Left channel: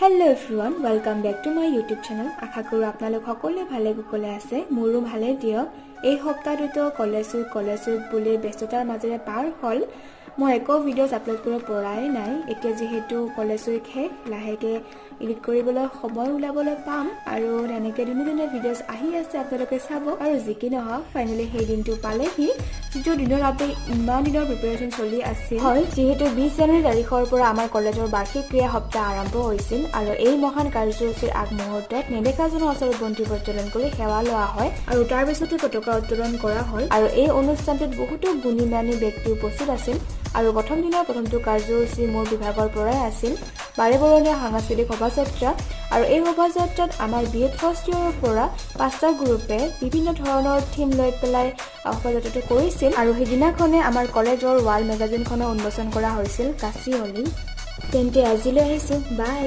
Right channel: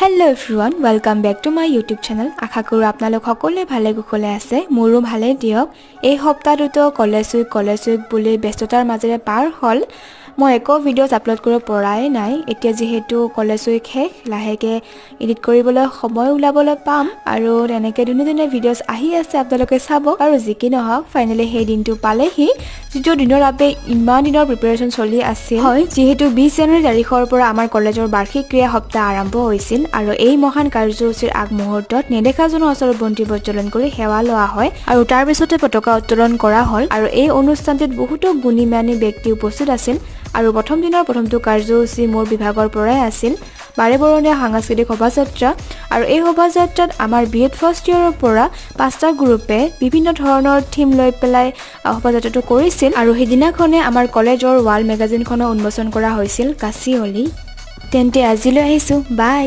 Hello everyone, welcome back to my YouTube channel. আশা কৰো আপোনালোক সকলোৱে ভালে কুশলে আছে। মোৰো ভালে দিয়ক। এই সপ্তাহটো কলেজ উইক বুলি ব্যস্ততাৰ মাজেৰে পাৰ হ'ল। মই একো ভিডিঅ'জ আপলোড কৰিব পৰাই নাই। এতিয়া যেহেতু কলেজ উইক শেষ, লাহেকে এডিট কৰিবলৈ সময় উলাবলৈ পাম আৰু এনেকৈ দিনে ভিডিঅ'জ আহি আছে আপোনালোকে চাব আৰু যি কি নহওক ফাইনালি সেই দিনটো পালেহি যিটো দিনৰ বাবে ইমান দিনৰ প্ৰিপাৰেচন চলি আছিল। হয়, যেহেতু 20 জানুৱাৰী তাৰিখৰ পৰা আমাৰ কলেজৰ বাৰ্ষিক ক্ৰীড়া সপ্তাহ আৰম্ভ হৈছিল আৰু এই মহান কাৰ্যসূচীৰ আগমুহূৰ্তত নেদেখাজনৰ ওচৰত বন্তি প্ৰজ্বলন কৰি সেৱা লোৱা হয় আৰু তাৰ পিছতে পতাকা উত্তোলন কৰা হ'ল আৰু এই অনুষ্ঠানটোত বহুতো গুণীমানী ব্যক্তি উপস্থিত আছিল আৰু প্ৰথম দিনৰ প্ৰথমটো কাৰ্যসূচী মোৰ বিভাগৰ পৰাই আছিল বাৰেবৰণীয়া সাংস্কৃতিক শোভাযাত্ৰা আৰু এই শোভাযাত্ৰাত আমাৰ বিএড ফাৰ্ষ্ট ইয়াৰৰ পৰা 5টা গ্ৰুপে বিভিন্ন ধৰণৰ থিম লৈ পেলাই শোভাযাত্ৰাটো কৰিছিল আৰু সেইদিনাখনে আমাৰ কলেজৰ ৱাল মেগাজিনখনো উন্মোচন কৰা হৈছিল কাচিয়লি। তেন্তে আজিলৈ আহিছোঁ, বাই।